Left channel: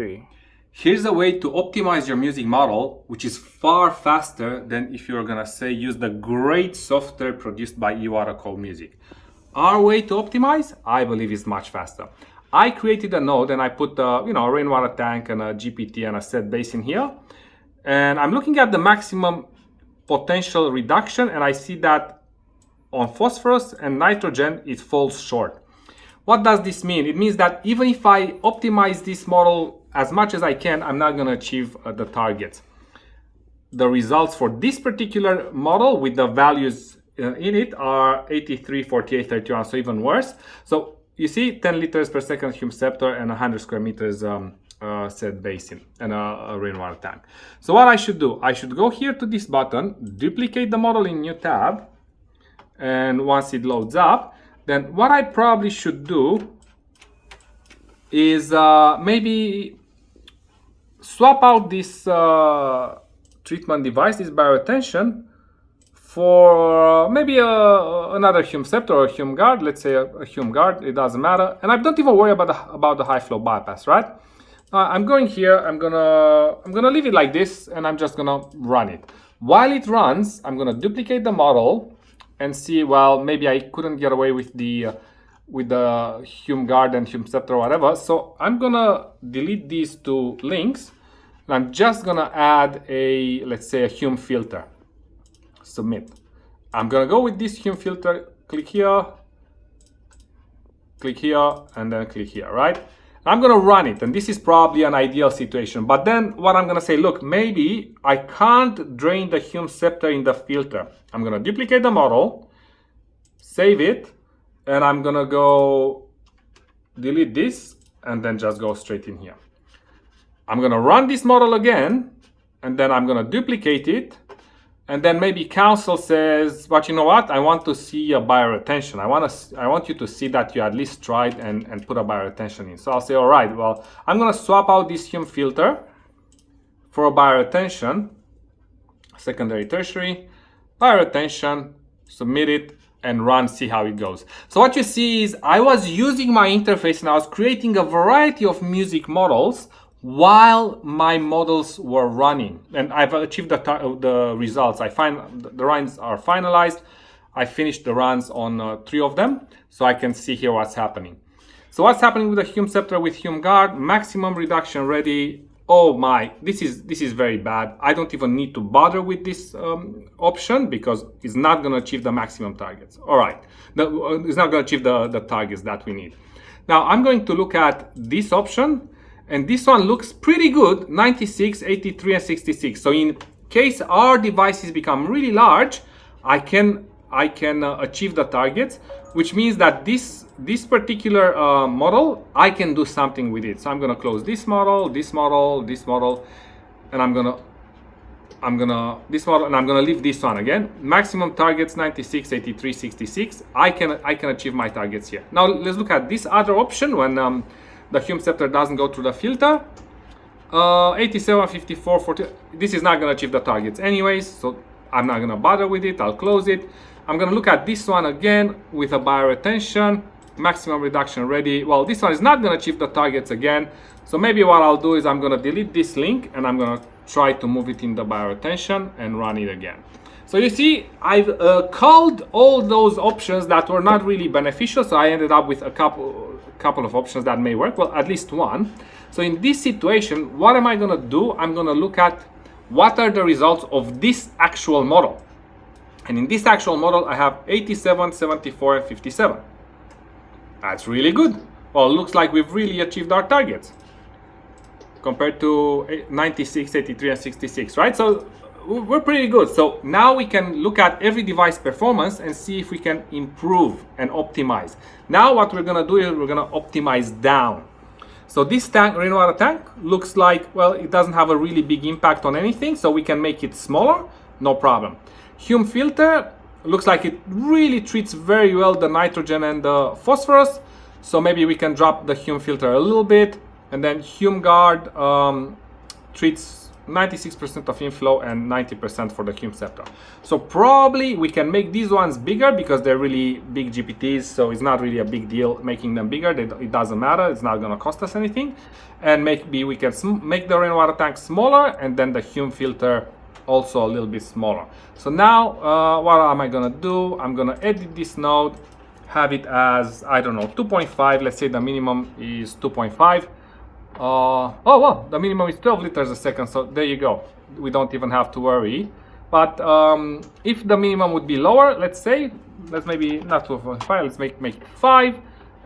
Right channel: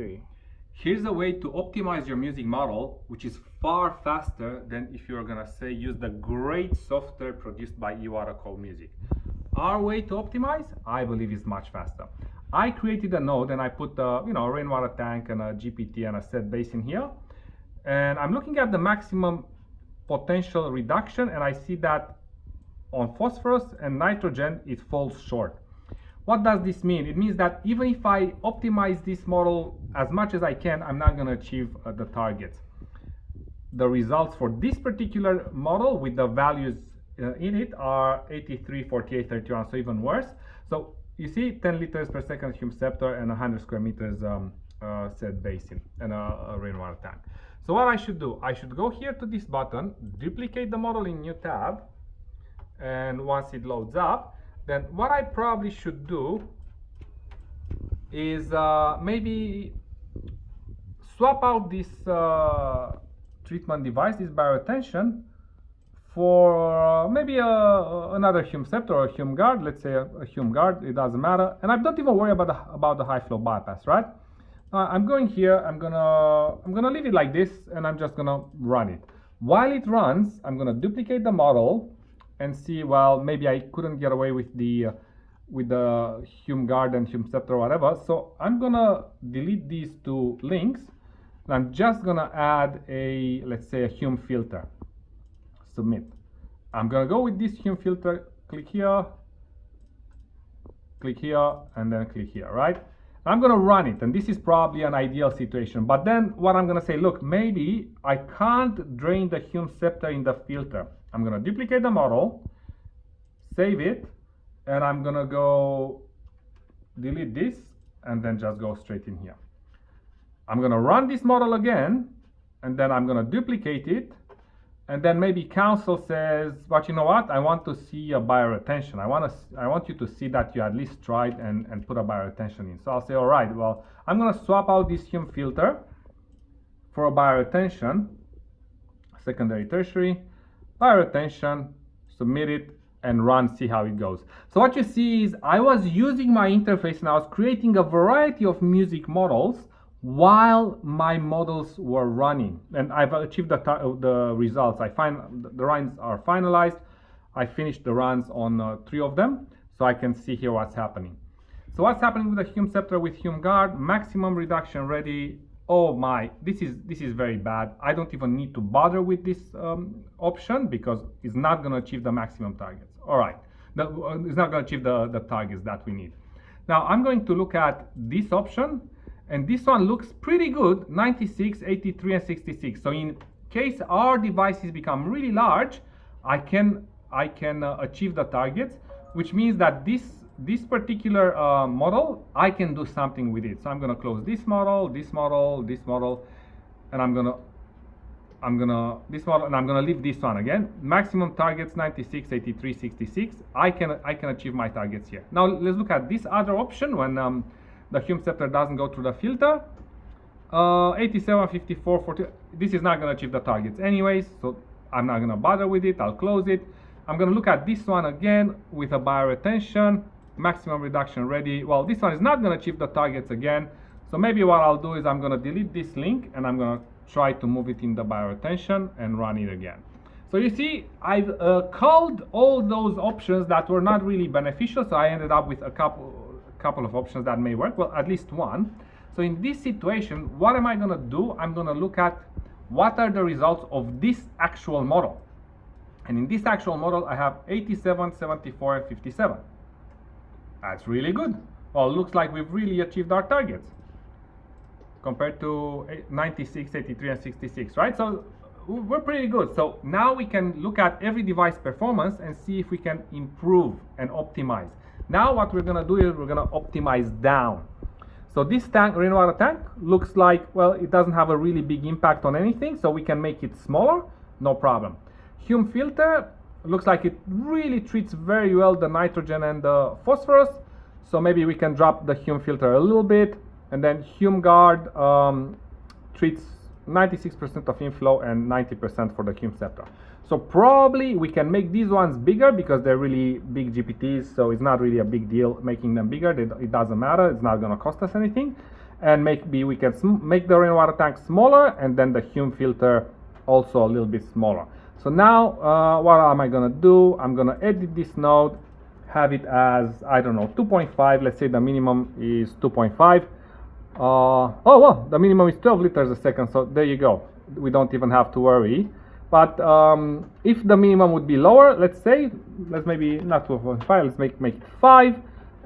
3. Here's a way to optimize your music model, which is far faster than if you're gonna say use the great software produced by Iwata called Music. Our way to optimize, I believe, is much faster. I created a node and I put a rainwater tank and a GPT and a set basin here, and I'm looking at the maximum potential reduction, and I see that on phosphorus and nitrogen it falls short. What does this mean? It means that even if I optimize this model as much as I can, I'm not going to achieve the targets. The results for this particular model with the values in it are 83, 48, 31, so even worse. So you see 10 liters per second Hume scepter and 100 square meters set basin and a rainwater tank. So what I should do, I should go here to this button, duplicate the model in new tab, and once it loads up, then what I probably should do is maybe swap out this treatment device, this bioretention, for maybe another Hume scepter or a Hume guard. Let's say a Hume guard, it doesn't matter. And I don't even worry about the high flow bypass, right? I'm going here, I'm gonna leave it like this, and I'm just gonna run it. While it runs, I'm gonna duplicate the model and see, well, maybe I couldn't get away with the Hume guard and Hume scepter or whatever. So I'm gonna delete these two links, and I'm just gonna add let's say a Hume filter. Submit. I'm gonna go with this Hume filter, click here, and then click here, right? I'm gonna run it, and this is probably an ideal situation. But then what I'm gonna say, look, maybe I can't drain the Hume scepter in the filter. I'm gonna duplicate the model, save it, and I'm gonna go delete this, and then just go straight in here. I'm gonna run this model again, and then I'm gonna duplicate it, and then maybe council says, but you know what? I want to see a bioretention. I want you to see that you at least tried and put a bioretention in. So I'll say, all right, well, I'm gonna swap out this Hume filter for a bioretention, secondary, tertiary, bioretention, submit it, and run, see how it goes. So what you see is I was using my interface and I was creating a variety of music models while my models were running, and I've achieved the results. The runs are finalized. I finished the runs on 3 of them, so I can see here what's happening. So what's happening with the Hume scepter with Hume guard? Maximum reduction ready. Oh my, this is very bad. I don't even need to bother with this option because it's not going to achieve the maximum targets. All right, it's not going to achieve the targets that we need. Now I'm going to look at this option. And this one looks pretty good, 96, 83, and 66. So in case our devices become really large, I can achieve the targets, which means that this particular model, I can do something with it. So I'm gonna close this model, this model, this model, and I'm gonna leave this one again. Maximum targets 96, 83, 66. I can achieve my targets here. Now let's look at this other option when the Hume scepter doesn't go through the filter. 87, 54, 40. This is not going to achieve the targets anyways, so I'm not going to bother with it. I'll close it. I'm going to look at this one again with a bioretention, maximum reduction ready. Well, this one is not going to achieve the targets again, so maybe what I'll do is I'm going to delete this link and I'm going to try to move it in the bioretention and run it again. So you see, I've culled all those options that were not really beneficial, so I ended up with a couple of options that may work, well, at least one. So in this situation, what am I going to do? I'm going to look at what are the results of this actual model. And in this actual model, I have 87, 74, and 57. That's really good. Well, it looks like we've really achieved our targets compared to 96, 83, and 66, right? So we're pretty good. So now we can look at every device performance and see if we can improve and optimize. Now what we're gonna do is we're gonna optimize down. So this tank, rainwater tank, looks like, well, it doesn't have a really big impact on anything, so we can make it smaller, no problem. Hume filter looks like it really treats very well the nitrogen and the phosphorus, so maybe we can drop the Hume filter a little bit. And then Hume guard treats 96% of inflow and 90% for the Hume scepter. So probably we can make these ones bigger because they're really big GPTs, so it's not really a big deal making them bigger. It doesn't matter, it's not going to cost us anything. And maybe we can make the rainwater tank smaller and then the Hume filter also a little bit smaller. So now what am I going to do? I'm going to edit this node, have it as, I don't know, 2.5. Let's say the minimum is 2.5. Oh well, the minimum is 12 liters a second, so there you go. We don't even have to worry. But if the minimum would be lower, let's maybe not 2.5, let's make it 5.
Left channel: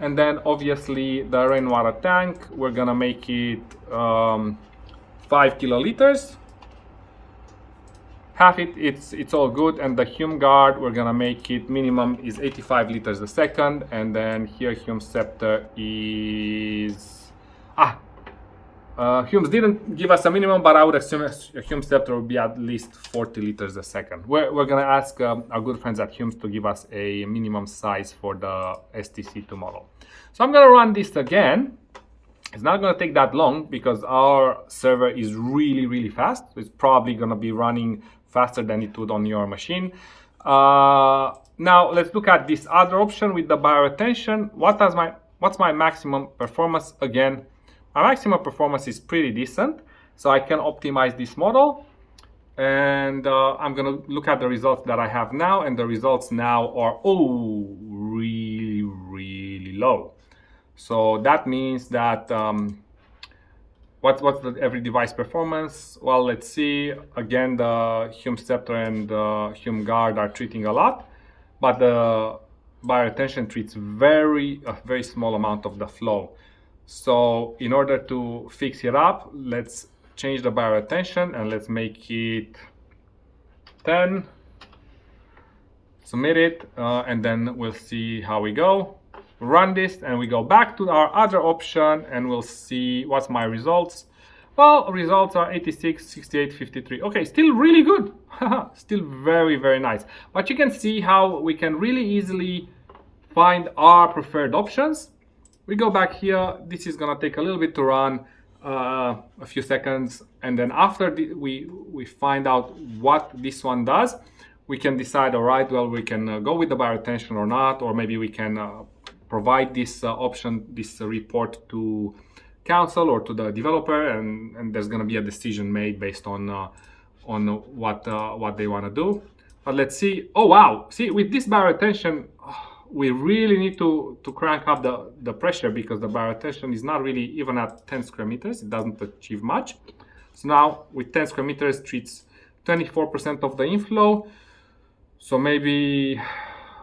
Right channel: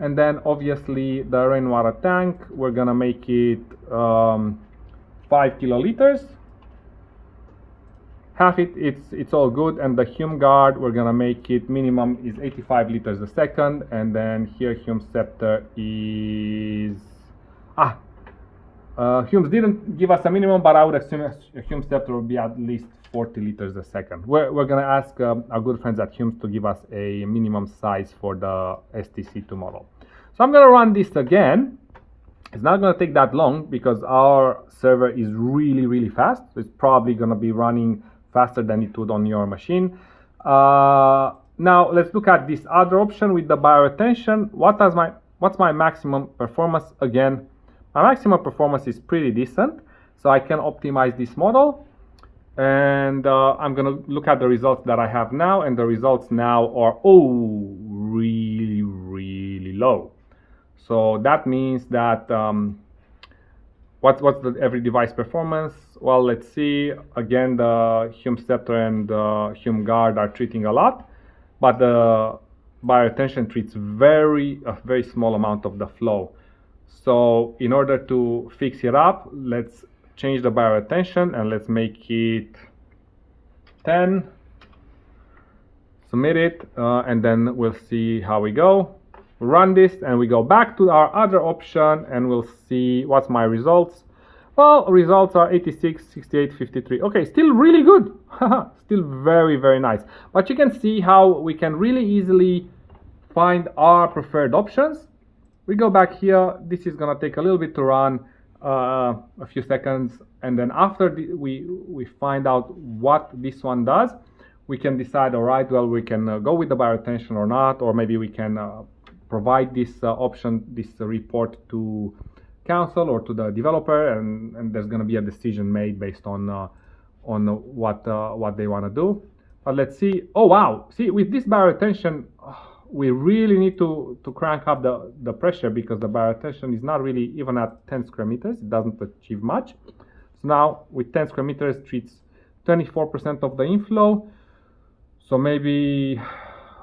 And then obviously the rainwater tank, we're gonna make it 5 kiloliters. Half it's all good. And the Hume guard, we're gonna make it minimum is 85 liters a second. And then here Hume scepter is Humes didn't give us a minimum, but I would assume a Hume scepter will be at least 40 liters a second. We're gonna ask our good friends at Humes to give us a minimum size for the STC2 model. So I'm gonna run this again. It's not gonna take that long because our server is really fast. It's probably gonna be running faster than it would on your machine. Now let's look at this other option with the bioretention. What's my maximum performance? Again, my maximum performance is pretty decent, so I can optimize this model. And I'm gonna look at the results that I have now, and the results now are really low. So that means that what's the every device performance? Well, let's see. Again, the Hume scepter and the Hume guard are treating a lot, but the bioretention treats a very small amount of the flow. So in order to fix it up, let's change the bioretention and let's make it 10. Submit it, and then we'll see how we go. Run this and we go back to our other option and we'll see what's my results. Well, results are 86, 68, 53. Okay, still really good. Still very nice. But you can see how we can really easily find our preferred options. We go back here. This is gonna take a little bit to run, a few seconds, and then after we find out what this one does, we can decide, all right, well, we can go with the bioretention or not, or maybe we can provide this option, this report to council or to the developer, and there's gonna be a decision made based on what they want to do. But let's see. Oh wow! See, with this bioretention, we really need to crank up the pressure because the bioretention is not really even at 10 square meters. It doesn't achieve much. So now with 10 square meters treats 24% of the inflow. So maybe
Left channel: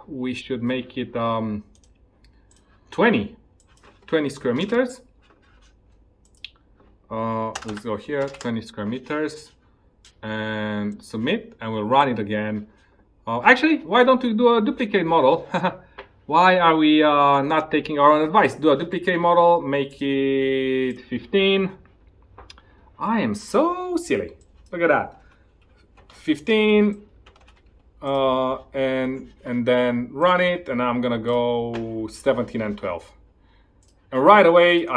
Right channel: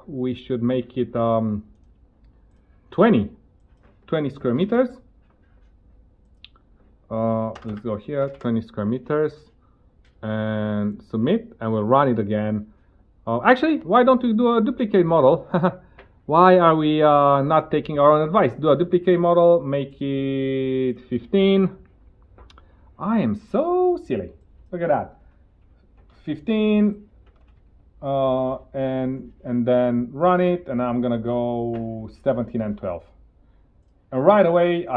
we should make it 20 square meters. Let's go here, 20 square meters and submit, and we'll run it again. Actually, why don't we do a duplicate model? Why are we not taking our own advice? Do a duplicate model, make it 15. I am so silly. Look at that. 15, and then run it, and I'm gonna go 17 and 12. And right away,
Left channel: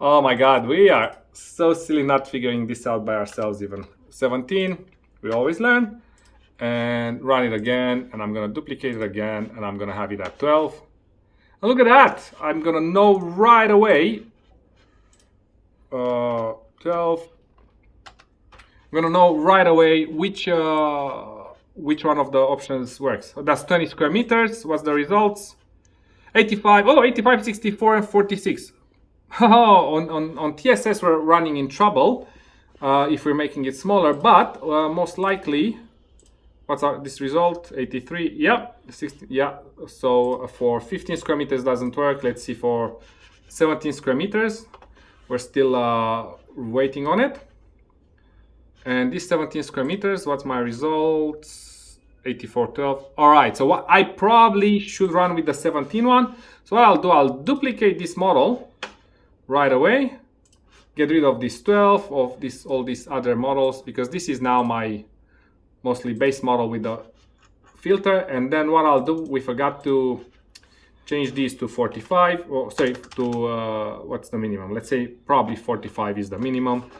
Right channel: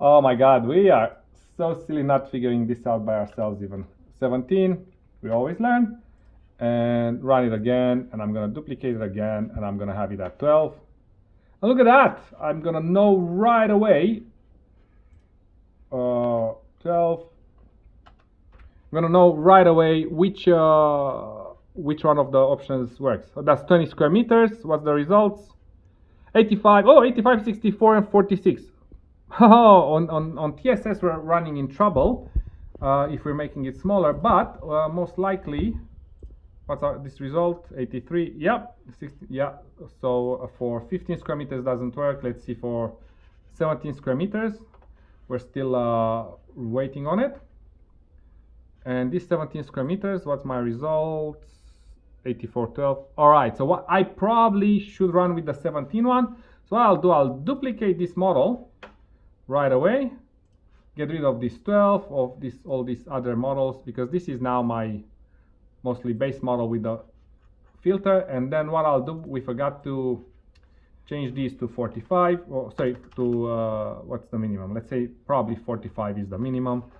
oh my God, we are so silly not figuring this out by ourselves even. 17, we always learn. And run it again, and I'm gonna duplicate it again, and I'm gonna have it at 12. And look at that! I'm gonna know right away. 12. I'm gonna know right away which one of the options works. So that's 20 square meters. What's the results? 85. Oh, 85, 64, and 46. On TSS we're running in trouble if we're making it smaller, but most likely. What's this result? 83. Yeah, 60. Yeah. So for 15 square meters doesn't work. Let's see for 17 square meters. We're still waiting on it. And this 17 square meters, what's my results? 84.12. All right. So what I probably should run with the 17 one. So what I'll do, I'll duplicate this model right away. Get rid of this 12 of this all these other models because this is now my mostly base model with the filter. And then what I'll do, we forgot to change these to 45, or sorry, to what's the minimum? Let's say probably 45 is the minimum.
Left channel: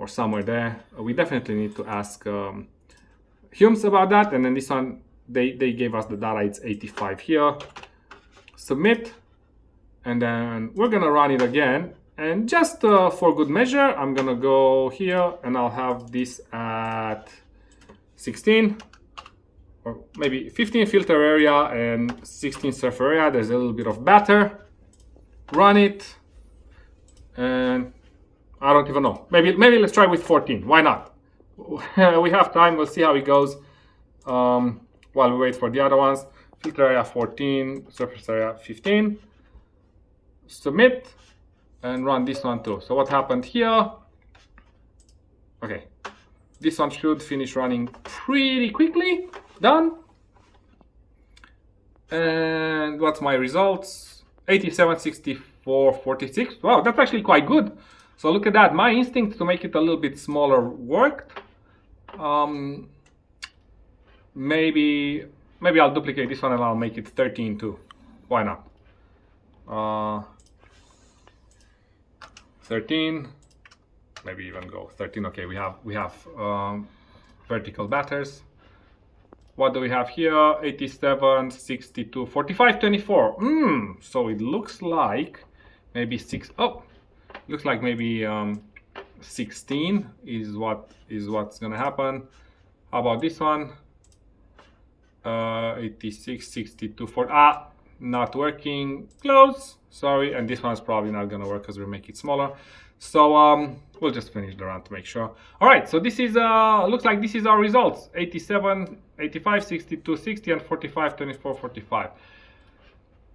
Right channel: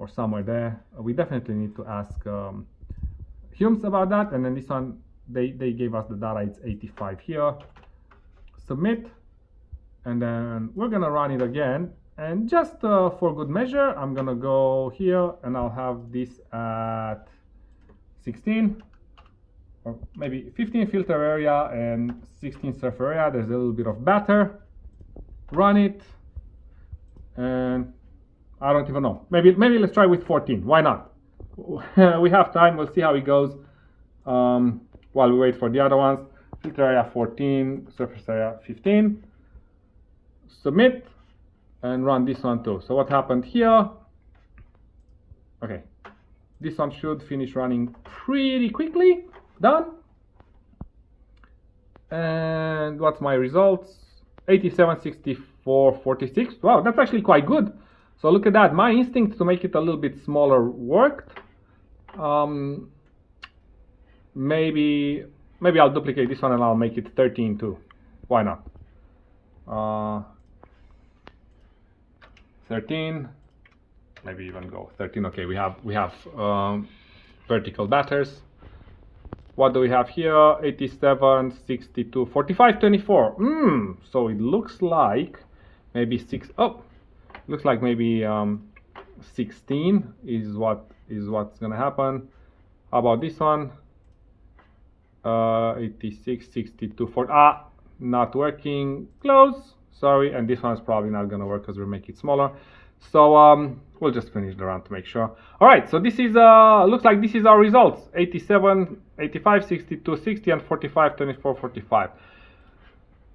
or somewhere there. We definitely need to ask Humes about that. And then this one, they gave us the data, it's 85 here. Submit, and then we're gonna run it again. And just for good measure, I'm gonna go here and I'll have this at 16, or maybe 15 filter area and 16 surf area. There's a little bit of batter. Run it, and I don't even know. Maybe let's try with 14. Why not? We have time. We'll see how it goes while we wait for the other ones. Filter area 14, surface area 15. Submit, and run this one too. So what happened here? Okay, this one should finish running pretty quickly. Done. And what's my results? 87, 64, 46. Wow, that's actually quite good. So look at that. My instinct to make it a little bit smaller worked. Maybe I'll duplicate this one and I'll make it 13 too. Why not? 13. Maybe even go 13. Okay, we have vertical batters. What do we have here? 87, 62, 45, 24. So it looks like maybe 16 is what's gonna happen. How about this one? 86, 62, 40. Not working. Close. Sorry. And this one's probably not gonna work because we'll make it smaller. So we'll just finish the run to make sure. All right, so this is looks like this is our results: 87, 85, 62, 60, and 45, 24, 45.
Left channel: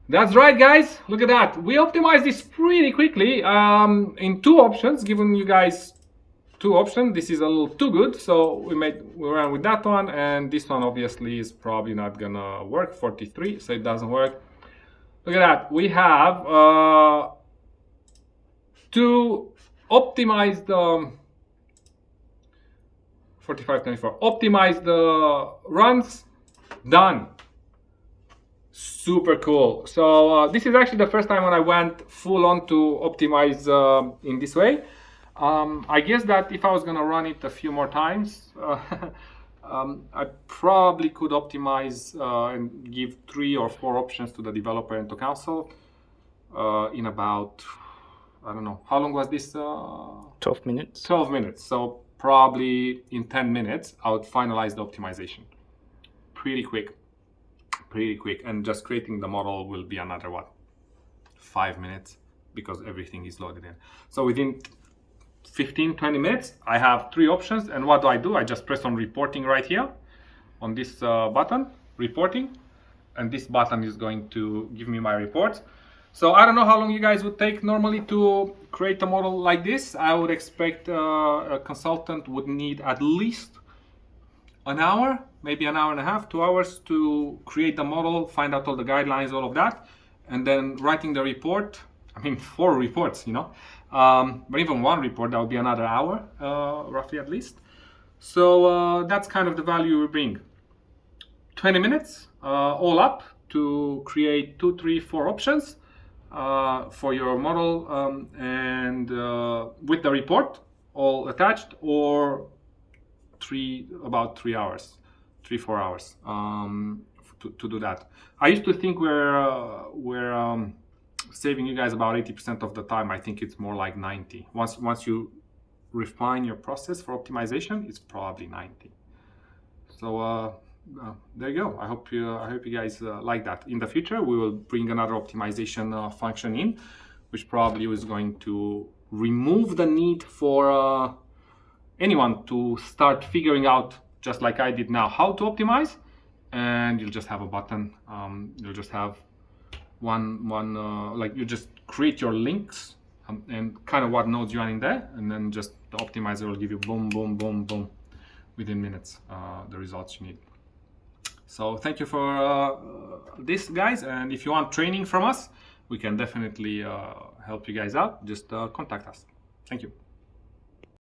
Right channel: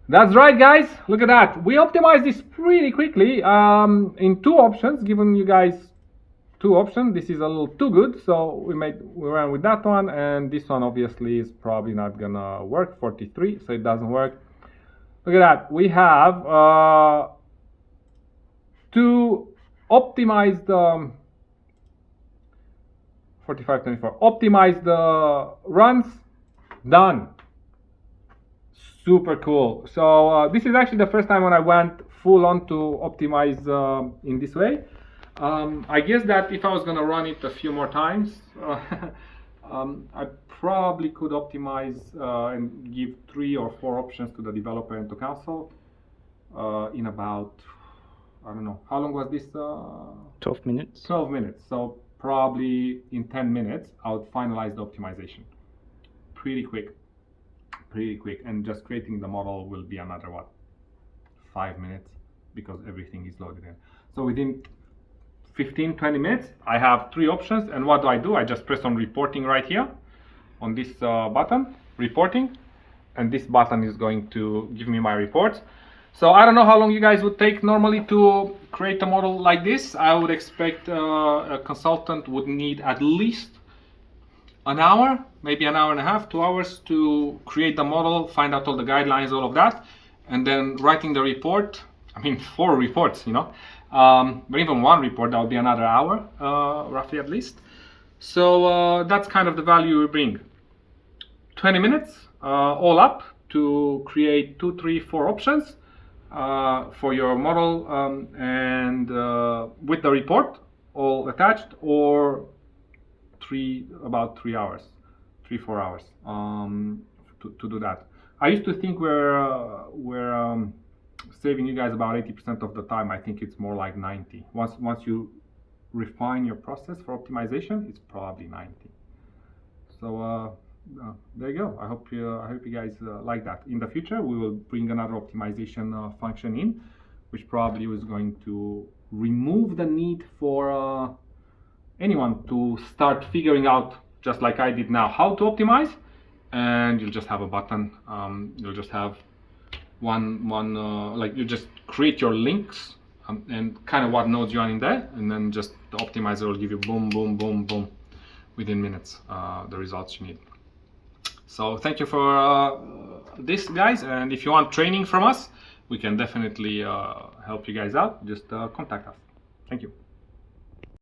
That's right, guys. Look at that. We optimized this pretty quickly in 2 options, giving you guys 2 options. This is a little too good, so we ran with that one, and this one obviously is probably not gonna work. 43, so it doesn't work. Look at that. We have 2 optimized 45, 24 optimized runs done. Super cool. So this is actually the first time when I went full on to optimize in this way. I guess that if I was gonna run it a few more times, I probably could optimize and give 3 or 4 options to the developer and to council in about, I don't know, how long was this? 12 minutes. 12 minutes. So probably in 10 minutes, I would finalize the optimization. Pretty quick. And just creating the model will be another, 5 minutes, because everything is loaded in. So within 15-20 minutes, I have 3 options. And what do? I just press on reporting right here on this button, reporting. And this button is going to give me my reports. So I don't know how long you guys would take normally to create a model like this. I would expect a consultant would need at least an hour, maybe an hour and a half, 2 hours to create the model, find out all the guidelines, all of that. And then writing the report, 4 reports, but even 1 report, that would be another hour, roughly at least. So that's kind of the value we bring. 20 minutes all up to create 2, 3, 4 options for your model and with the report all attached, or about 3 hours, 3-4 hours to do that. I used to think we're saving you guys about 80% of the time. I think it's more like 90. Once you refine your process for optimization, it's probably 90. So there you go. I hope you guys like that. In the future, we will bring another optimization function in, which probably is going to remove the need for anyone to start figuring out, just like I did now, how to optimize. And you'll just have a button. You'll just have one like you just create your links and kind of what nodes you are in there, and then just the optimizer will give you boom, boom, boom, boom within minutes the results you need. So thank you for this, guys, and if you want training from us, we can definitely help you guys out. Just contact us. Thank you.